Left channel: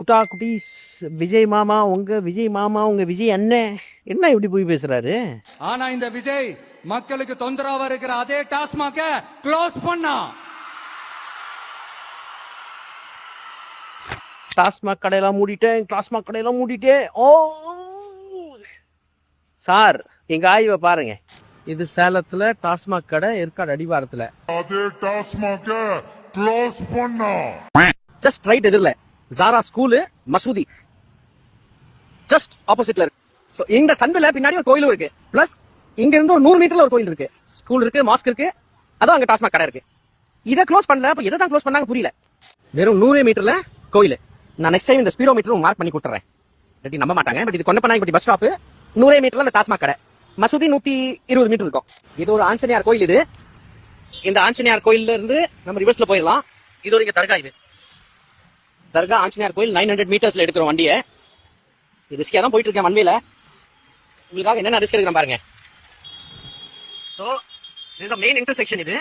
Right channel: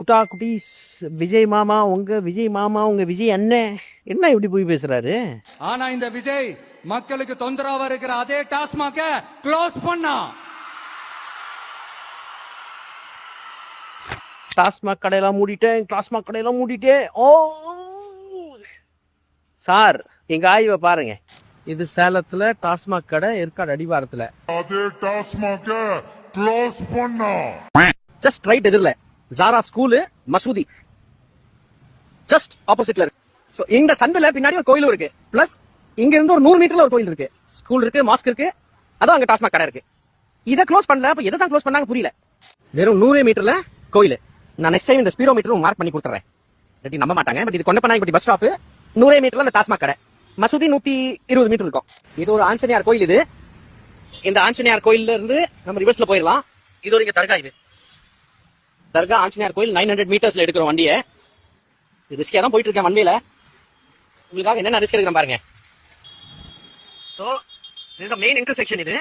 குட்டா குட்டீஸ், விஜய் மாமா உங்க விஜய் அண்ணன் என்ன இப்படி போய் பேசுறாரு? ஆனா இந்த விஜய் மக்களுக்கு தொந்தரவா இருக்கிற அதே டாஸ்மாக க்ளோஸ் பண்ணா. டாஸ்மாக் கடையெல்லாம் மூடிட்டேன். ஓ சார், எங்க ஆய்வை பாருங்க. இது சேலத்துல டாஸ்மாக் கடை, ஏற்காடு அடிவாரத்துல. அதே டாஸ்மாக க்ளோஸ் பண்ணா. ஜஸ்ட் ரைட் எதிரில் ஜாரா ஸ்கூலு, மசூதி ஜஸ்ட் ஆப்போசிட்ல இருக்கு. சோ இந்த சந்துல பின்னாடி ஒரு கோயிலும் இருக்கு. பிளஸ் இங்க இருந்து ஒரு 100 மீட்டர்ல ஒரு கோயில் இருக்கு. ஸ்கூல் இருக்கு, மாஸ்க் இருக்கு, அதான் அங்க டாஸ்மாக் கடை இருக்கு. இதை க்ளோஸ் பண்ணல. அப்ப எதை தான் க்ளோஸ் பண்ணாங்க புரியல. வெறும் 100 மீட்டர்ல கோயில். நான் நெக்ஸ்ட் டைம் இந்த ஸ்பீடோ மீட்டர் மார்க் பண்ணி கொடுத்துறேன். இப்படி நம்ப மாட்டாங்க. பட் இது கொண்டப்பனாங்க பஸ் ஸ்டாப். 100 மீட்டர்ல அந்த டாஸ்மாக் கடை. மசூதி 120 மீட்டர் இருக்கும். இது ஒரு ஆஞ்சநேயர் கோயில். இது இந்த ஆஞ்சநேயர் கோயில்ல இருந்து நம்ம ரிவர்ஸ்ல போயிடலாம். இது ஒரு இங்க தர்கா. இது தர்கா ஆஞ்சநேயர் கோயில் 900 மீட்டர்ஸ்ல எடுக்கிற வண்டியை. ரிஸ்கியா தான் போயிட்டு இருக்கேன் வண்டியில. உங்களுக்காக என்னென்ன ரிஸ்க் எடுக்கிறேன் பாருங்க. சோ இது மெயின் இன்டர்செக்ஷன். இது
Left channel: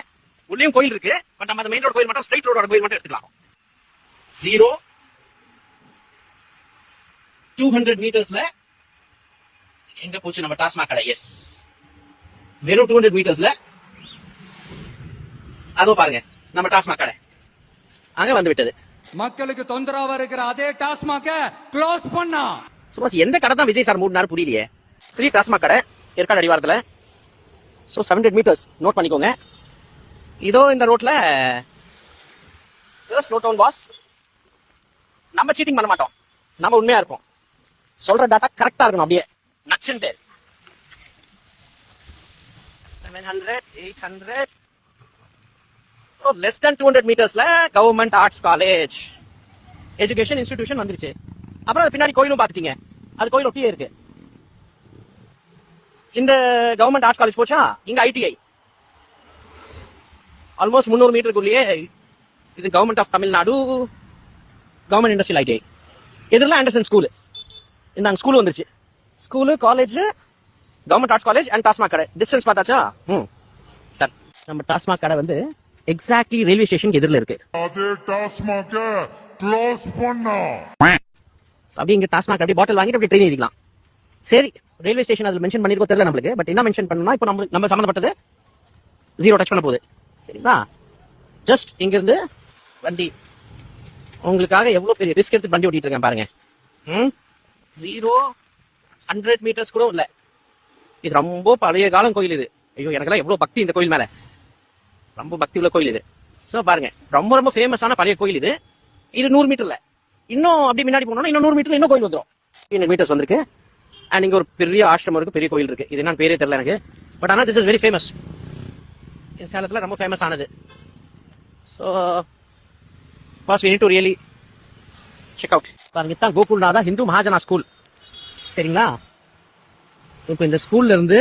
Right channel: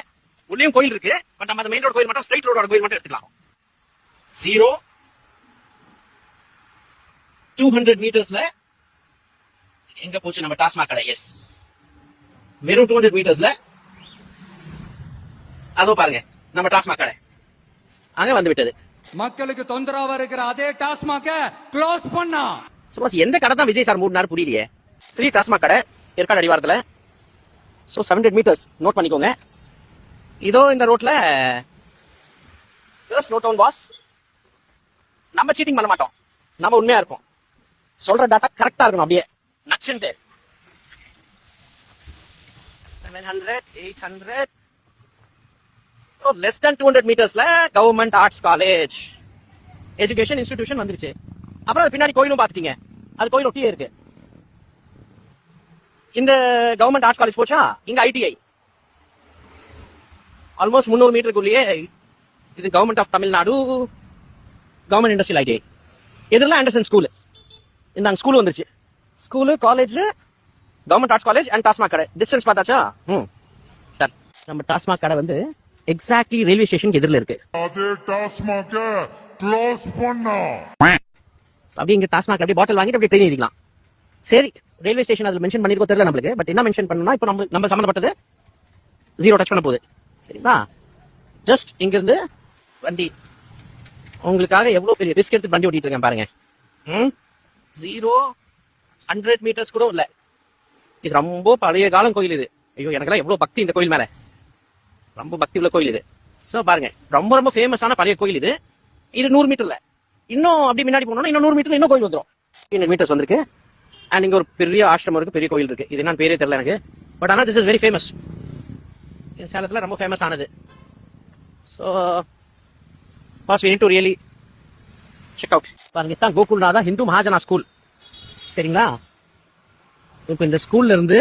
உள்ளேயும் கோயில் இருக்கு. பட் நம்ம அந்த மெயின் ரோட் கோயில் மட்டும், ஸ்ட்ரைட் ரோடோட கோயில் மட்டும் எடுத்துக்கலாம். 200 மீட்டர்ஸ்ல எங்க போச்சு நம்ம டாஸ்மாக் கடை? எஸ், வெறும் 200 மீட்டர்ஸ்ல அதோ பாருங்க நம்ம டாஸ்மாக் கடை அங்க வந்து விட்டது. மக்களுக்கு தொந்தரவா இருக்கிற அதே டாஸ்மாக க்ளோஸ் பண்ணா. சும்மா எந்த கடை தான் விஜய் சார் மூடினாரு புரியலையே. 3 டாஸ்மாக் கடை ஏற்காடு அடிவாரத்துல. ஸோ 700 மீட்டர்ஸ் நோட் பண்ணிக்கோங்க. இதோ இந்த ரோட்ல நோட் டவுன் பாஸ். நம்ம சீட்டிங் பண்ண மாட்டோம், நம்ம உண்மையா இருப்போம். சொல்ற டாட்டா கரெக்டா இருக்கணும். அப்படியே நச்சுட்டு 700 800 லெஸ் than 200 மீட்டர்ஸ்ல government arts college education institution வந்துருச்சு. அப்புறம் அது பின்னாடி கோயிலும் பாத்துட்டீங்க. அது கோயில் ஒட்டியே இருக்கு. இந்த கவர்மெண்ட் ஆர்ட்ஸ் காலேஜ் போச்சா, இங்க ஐடிஐ ஆல்மோஸ்ட் 300 மீட்டருக்குள்ளேயே. இது government of Tamil Nadu government industrial ITI. இதெல்லாம் ஆண்டர்சன் ஸ்கூல். இந்த ஸ்கூல் வந்துருச்சு. School, college, government arts college and TASMAC கடை. டிஸ்டன்ஸ் பார்த்தாச்சா? நம்ம டாஸ்மாக் கடை வந்து எக்ஸாக்ட்லி ரயில்வே ஸ்டேஷன் எதிரில் இருக்கு. அதே டாஸ்மாக க்ளோஸ் பண்ணா. அப்படியே இங்க டாஸ்மாக் அப்படியே பாட்டில் வாங்கிட்டு அப்படியே ட்ரெயின் ஏறிக்கலாம். சரி, ரயில்வே ஸ்டேஷன் அதுல மென்ஷன் பண்ணிருக்கோம் தெரியல நம்மளுக்கு. பட் என்ன மென்ஷன் பண்ணா இப்போ நம்ம சம்பந்தப்பட்டது 0 டச் பண்ண போகுது. சரிங்களா? ஜஸ்ட் இங்க இருந்து வண்டி உங்களுக்காக எவ்வளவு பெரிய ரிஸ்க் எடுத்து வண்டி ஓட்டிட்டு இருக்கேன் பாருங்க. 0 100 மீட்டர்ஸ் கூட இல்ல. இது ரொம்ப பழைய காலம் கோயில். இது ஐயோ, எனக்கெல்லாம் எவ்வளவு பக்தி இந்த கோயில் மேல. ரொம்ப பக்தி உள்ள கோயில் இது. சோ பாருங்க, ரொம்ப ரொம்ப ஃபேமஸான பழைய கோயில் இது. இது 100 மீட்டர்ல. இன்னும் அப்படி முன்னாடி போனோம்னா இன்னும் 100 மீட்டர்ல இன்னும் கோயில் வந்துடும். 100 மீட்டர்ஸ் வந்திருக்கு. அண்ட் இங்க ஒரு பெரிய ஆசிரமம் இருக்கு, பெரிய கோயில் இருக்கு. இது என்ன பேரே தெரியல எனக்கு. பட் ஆனா திஸ் இஸ் வெரி ஃபேமஸ். இது சேலத்துல ரொம்ப ஃபேமஸ் ஆனது. So boss we need to really check out. பாருங்க, தான் கோகுல்நாதா ஹிந்து மகாஜனா ஸ்கூல். சரிங்களா? இப்போ இந்த ஸ்கூல்ல இருந்து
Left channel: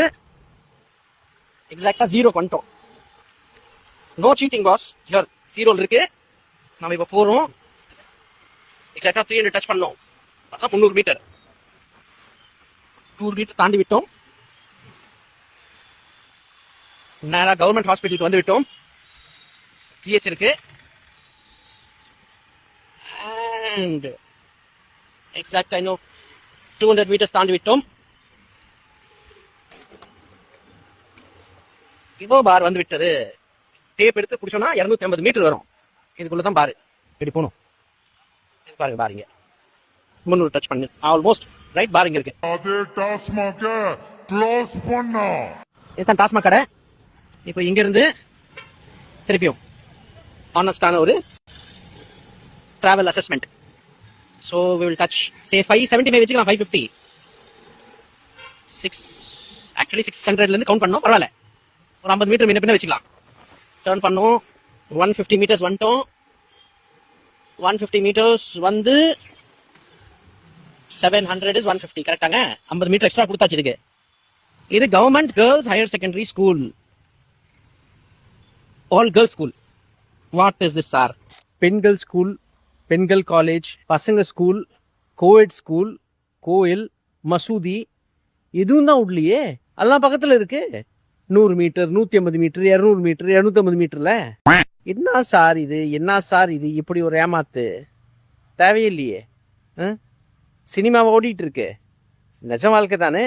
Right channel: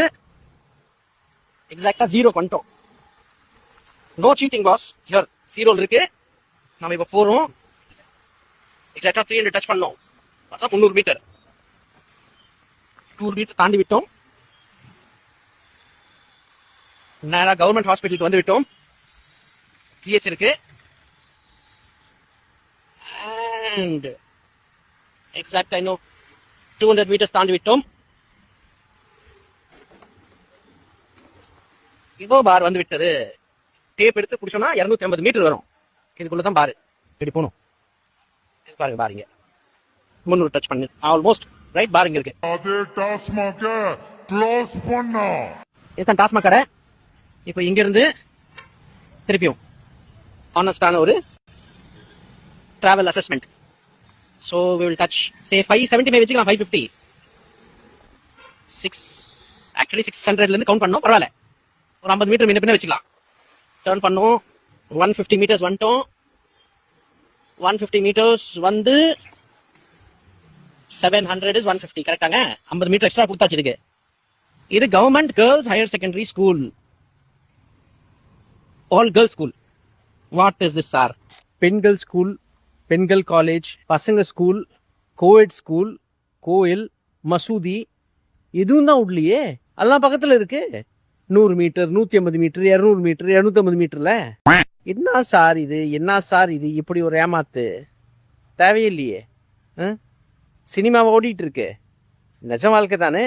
எக்ஸாக்டா 0 பண்ணிட்டோம். No seating pass. ஹியர் 0 இருக்கு. நாம இப்ப போறோம். எக்ஸாக்டா 300 டச் பண்ணோம். அதான் 300 மீட்டர். 200 மீட்டர் தாண்டி விட்டோம். நேரா கவர்மெண்ட் ஹாஸ்பிட்டலுக்கு வந்து விட்டோம். ஜிஹெச் இருக்கு. அண்ட் எக்ஸாக்டா இன்னும் 200 மீட்டர்ஸ் தாண்டி விட்டோம். இதோ பார் வந்து விட்டது. டேப் எடுத்து பிடிச்சோம்னா 250 மீட்டர் வரும். இதுக்குள்ளதான் பாரு இப்படி போகணும். பாருங்க பாருங்க 300 டச் பண்ணு ஆல்மோஸ்ட் ரைட். பாருங்க இருக்கு. அதே டாஸ்மாக க்ளோஸ் பண்ணா. இதுதான் டாஸ்மாக் கடை. இப்போ இங்க இருந்து திருப்பியும் ஆனஸ்டான ஒரு travel assessment. So we will touch say 575 வச்சுக்கலாம். 550 ஆக்சுவலி 600ல இருந்து கவுண்ட் பண்ணோம். பரவாயில்ல, ஒரு 50 மீட்டர் முன்ன பின்ன வச்சுக்கலாம். டர்ன் பண்ணோம். 150 மீட்டர்ஸ் வந்துட்டோம். 150 மீட்டர்ஸ் வந்து 700 இஸ் 150. கரெக்டாங்க? 50 மீட்டர் எக்ஸ்ட்ரா கொடுத்தாச்சு இதுக்கு. இது government girls higher secondary school, all girls school. What is this sir? பெண்கள் ஸ்கூல், பெண்கள் காலேஜ், பசங்க ஸ்கூல், கோஎட் ஸ்கூல், கோயில், மசூதி எதுவும் தான் உள்ளியே. அதெல்லாம் பக்கத்துல இருக்கு. 100 மீட்டர், 150 மீட்டர், 200 மீட்டர், 250 மீட்டர்ல. என்ன சார் இது? இப்படி ஒரு ஏமாத்து தேவையில்லையே. சினிமாவை ஓடிட்டு இருக்கு, நிஜ வாழ்க்கை தானே.